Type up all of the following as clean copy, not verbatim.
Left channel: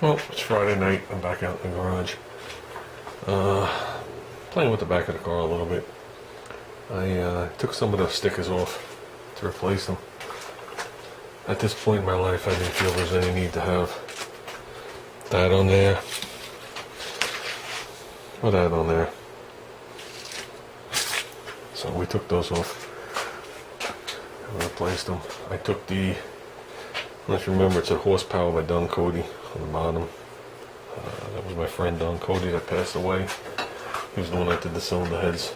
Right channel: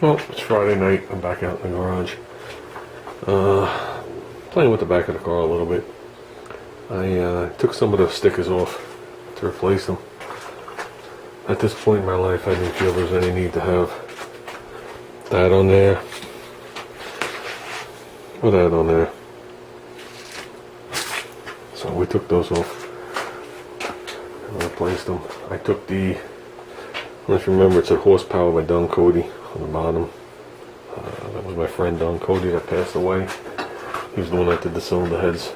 Well, it's Friday night. I'm back out in the garage. Playing with the back of the car a little bit. I took some of the stickers off to replace them. At this point in my life, I didn't feel there's any need to have that on there or that on there. So we took those off and replaced them. I took the, I don't know if you remember, it said horsepower by Don Cody on the bottom. That was my friend Don Cody that passed away. He was the one that did the cylinder heads.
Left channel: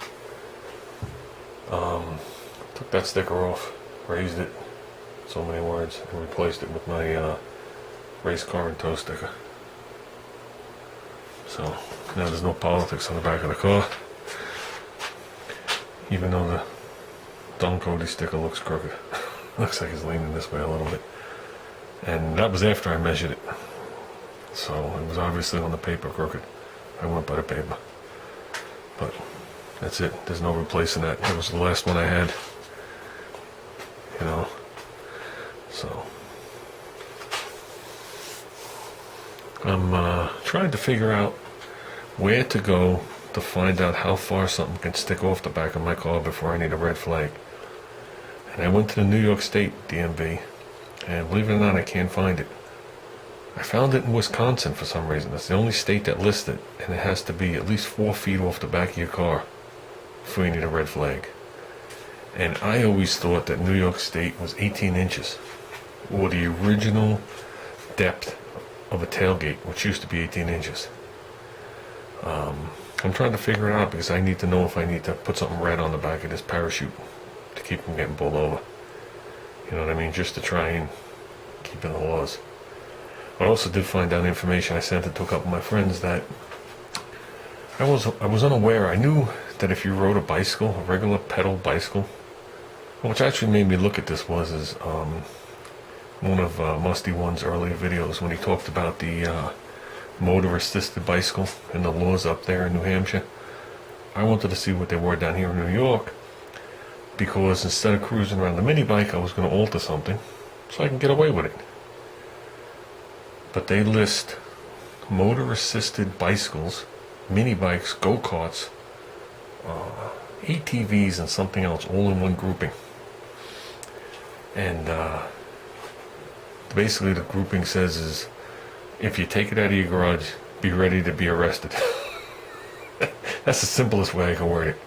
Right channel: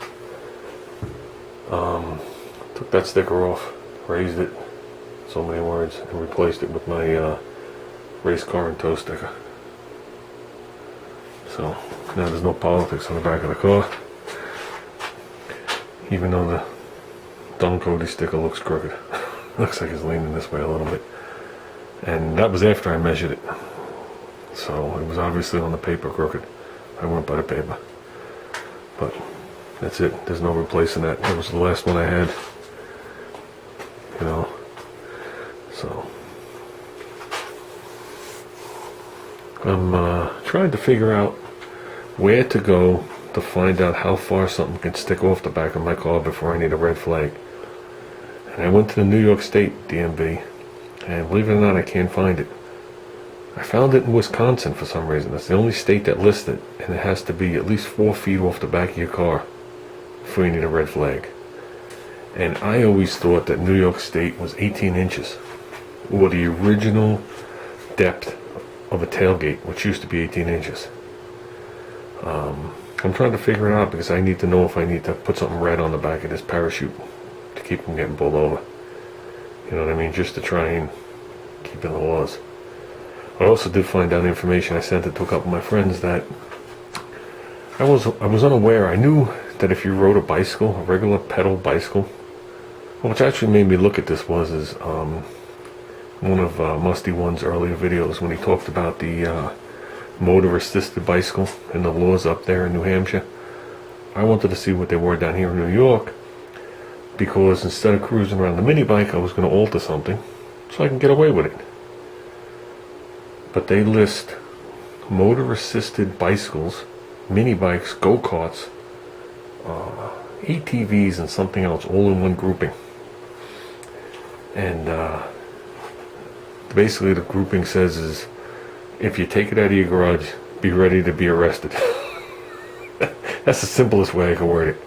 Took that sticker off, raised it, so many words, and replaced it with my race car and tow sticker. So now there's no politics on the back of the car, even though the Don Cody sticker looks crooked. Looks like it's leaning this way a little bit. And that was after I measured it. So it was obviously on the paper crooked. I went by the paper. But that's it. There's no replacing that. That was the last one I had. You know. So I'm trying to figure out where to go to find out how far something can stick off the back of my car before I need a red flag. And I went to the New York State DMV, and believe it or not, I can't find it. I found it in Wisconsin for some reason. That's the only state that lists it, and it has to be at least 4 feet off the back of your car before you need a red flag. And I always thought that New York State was 18 inches, or the original depth of a tailgate, which used to be 18 inches. I'm trying to figure it out because I need to know if I need to put something red on the back of this parachute to keep from getting pulled over. You know what I mean? Just to try and keep in the laws. I also did find out information. I sent it to a couple of my friends that I was unaware. I knew that if you rode a bicycle, a regular pedal bicycle, which actually made me look at this is one of Musty One's earlier videos when he talked about the motor-assisted bicycle and the laws up there in New Hampshire. I wanted to see what they were down here in New York, because instead of cruising around the mini bike, I was going to alter something so I can get away with it. But they list motor-assisted bicycles, mini bikes, go-karts, ATVs, and something else all in one grouping. And basically the grouping says is, if you take it out of your garage, be ready to be arrested. That's the simplest way I can word it.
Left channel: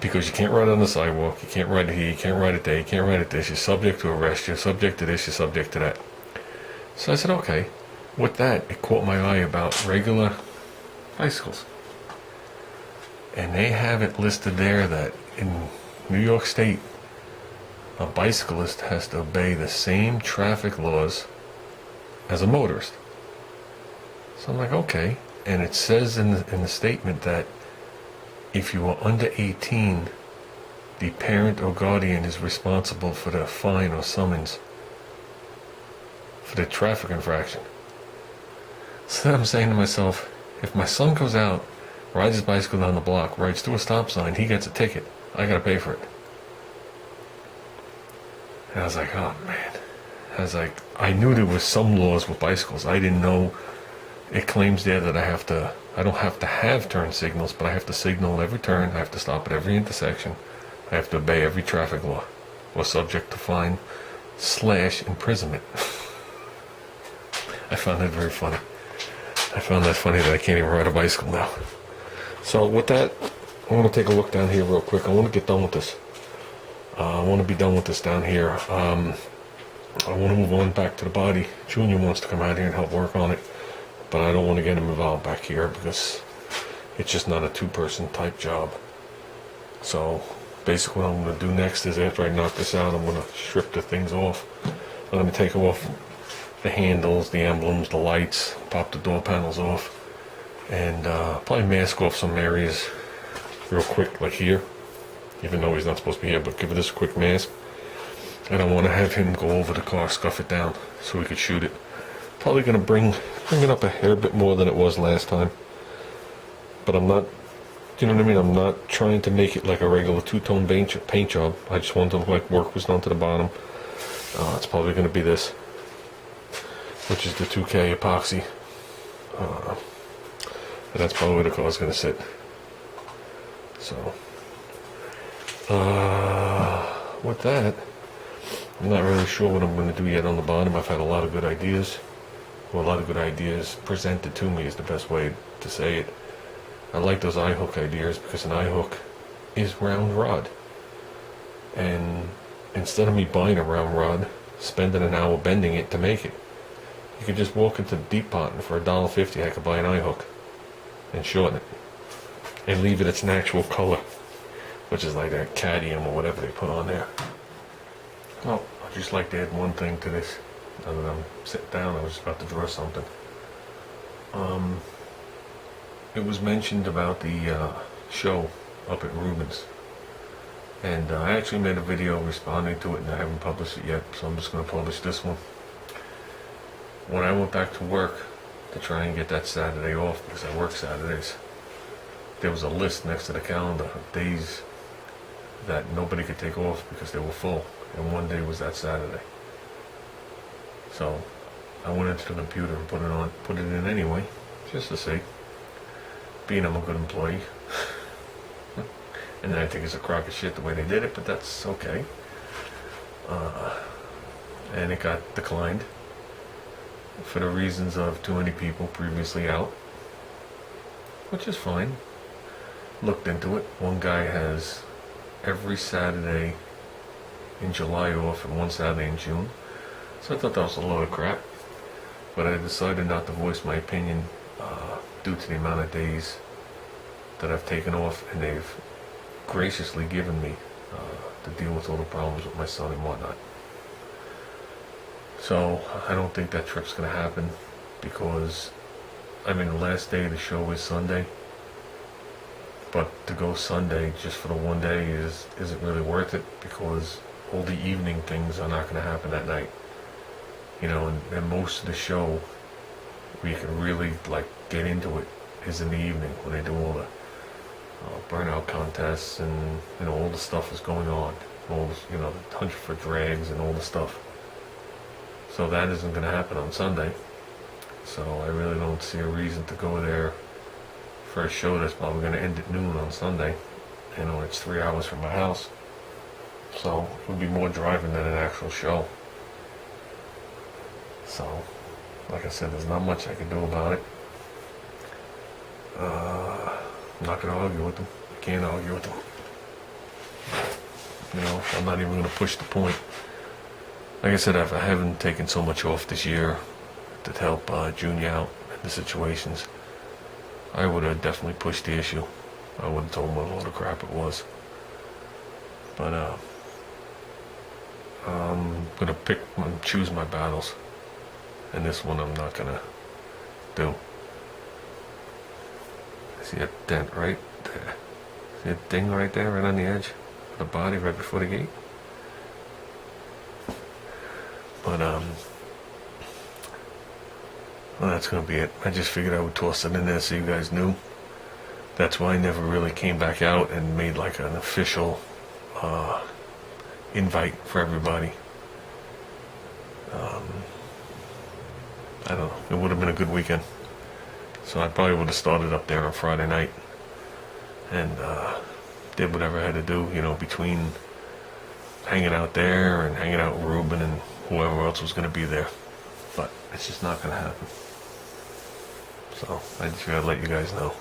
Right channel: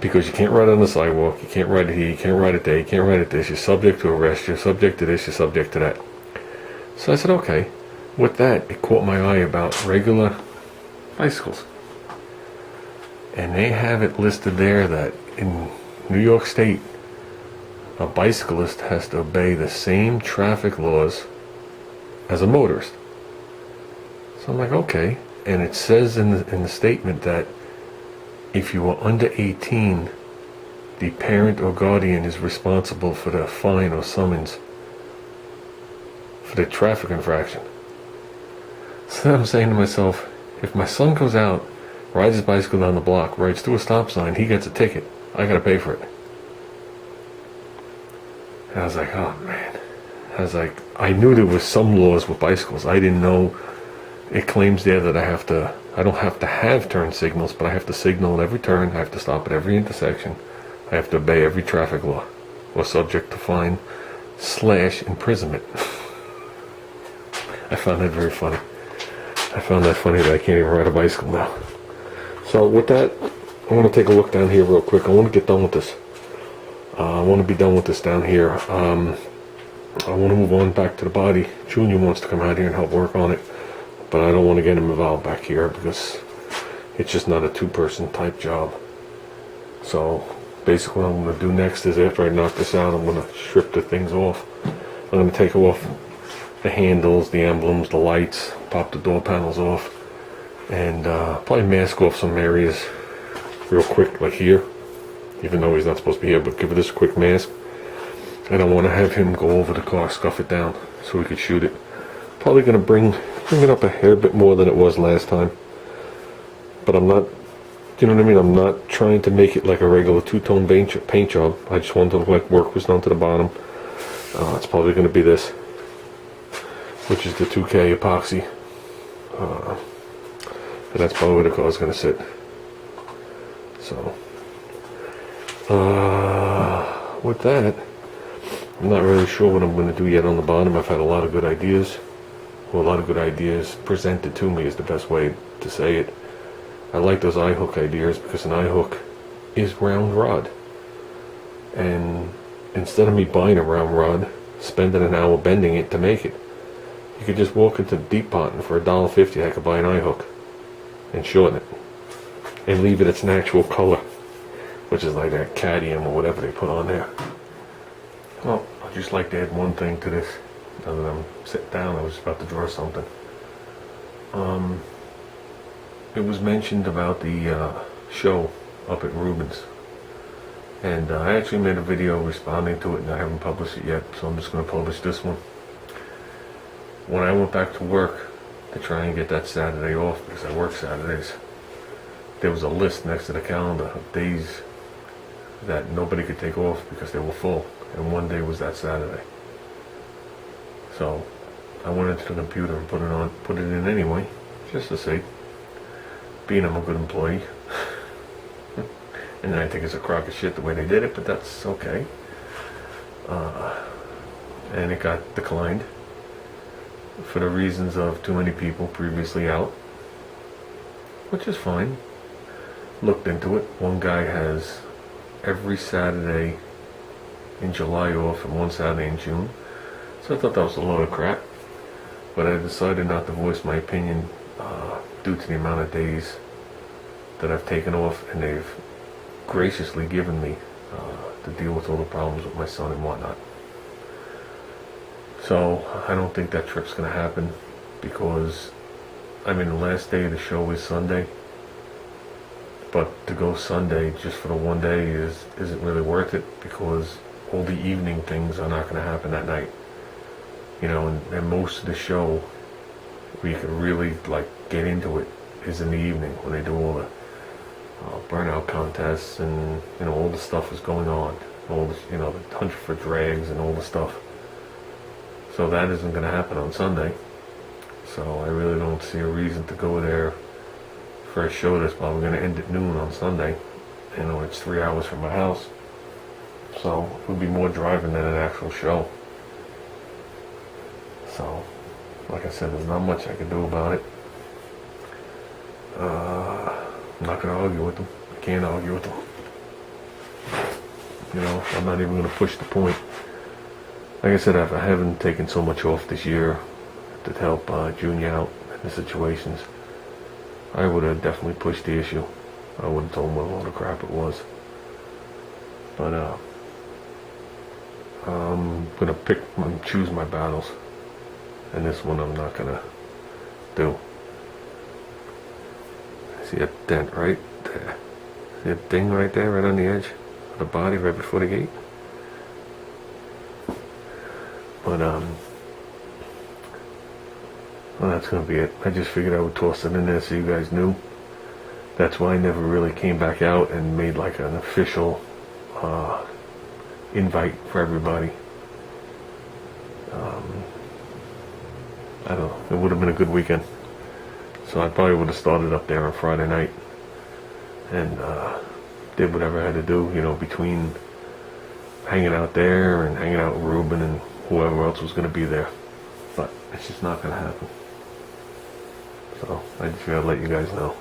Because you can't ride on the sidewalk, you can't ride it here, you can't ride it there, you can't ride it this, you're subject to arrest, you're subject to this, you're subject to that. So I said, okay. With that, it caught my eye about regular bicycles. And they have it listed there that in New York State, a bicyclist has to obey the same traffic laws as a motorist. So I'm like, okay. And it says in the statement that if you are under 18, the parent or guardian is responsible for the fine or summons for the traffic infraction. So then I'm saying to myself, if my son goes out, rides his bicycle down the block, rides through a stop sign, he gets a ticket, I gotta pay for it. And I was like, oh man. I knew there was some laws with bicycles. I didn't know it claims there that I don't have to have turn signals, but I have to signal at every turn, I have to stop at every intersection, I have to obey every traffic law, or subject to fine / imprisonment. I found that very funny. I found that funny that I can't even ride a bicycle now. So with that, I'm going to take a look down here real quick. I want to get done with this. I want to be done with this down here. I want to move on back to the body. Junior wants to come out here and help work on it, but I don't want to get him involved back here because it's just not a two-person type job. So basically what I'm going to do next is, after I knock this out, I'm going to strip the things off. I'm going to take off the handles, the emblems, the lights, pop the door panels off, and probably mask off some areas real quick, like here, even though he's not supposed to be here, but give it this quick mask. And I want to have him go over the car, scuff it down, so we could shoot it. Probably going to bring it up a hair bit more than it was last time. But I'm not, you know what I mean? I'm not trying to make it like a regular two-tone paint job. I just want to look like work was done to the bottom. It's probably going to be this, which is the 2K epoxy And that's probably where the car's going to sit. So, with that, I'm not really sure what I'm going to do yet on the bottom. I've had a lot of good ideas. Well, a lot of good ideas presented to me is the best way to say it. I like those eye hook ideas because an eye hook is round rod. And instead of me buying a round rod, spending an hour bending it to make it, you could just walk into the deep pot and for $1.50 I could buy an eye hook and shorten it and leave it its natural color, which is like that cadmium or whatever they put on there. Well, I'd just like to add one thing to this. Now that I'm sitting down, I was about to draw something. It was mentioned about the show up at Rubens, and I actually made a video responding to it, and I haven't published it yet, so I'm just going to publish this one. When I went back to work to try and get that Saturday off, because I work Saturdays, there was a list next to the calendar of days that nobody could take off because they were full, and one day was that Saturday. So I went into the computer and put it in anyway, just to see, being I'm a good employee. And then I think it's a crock of shit the way they did it, but that's okay. And it got declined for the reasons of too many people previously out, which is fine. Looked into it. One guy has every Saturday in July off and one Saturday in June. So I thought that was a load of crap. But I decided not to voice my opinion due to the amount of days that I've taken off, and they've graciously given me to deal with all the problems with my son and whatnot. So I don't think that trip's going to happen because, I mean, the last day of the show is Sunday. But to go Sunday just for the one day isn't really worth it because all the evening things are not going to happen that night. You know, and most of the show where you can really like get into it is in the evening when they do all the burnout contests and, you know, all the stuff is going on. All the, you know, the hunt for drags and all the stuff. So that isn't going to happen on Sunday. So I really don't see a reason to go there for a show that's probably going to end at noon on Sunday. You know, it's 3 hours from my house. So it would be more driving than an actual show. So, like I said, there's not much I can do about it. I'm not going to argue with them. I can't argue with them. You know, I'm not even going to push the point. Like I said, I haven't taken so much off this year to help Junior out in the situations. I would have definitely pushed the issue. I would have told him what a load of crap it was. But I'm going to pick and choose my battles. And this one I'm not going to do. See a dent right there? See a ding right there, right on the edge of the body, right before the gate? But, well, that's going to be it. I just figured I would toss it in there so you guys knew. That's why I never really came back out and made like an official invite for everybody. I don't know. It would have been a good weekend. So I probably would have started up there on Friday night and did whatever I had to do, you know, between hanging out there and hanging out with Ruben and whoever else was going to be there. But it's just not going to happen. So I just got to let you guys know.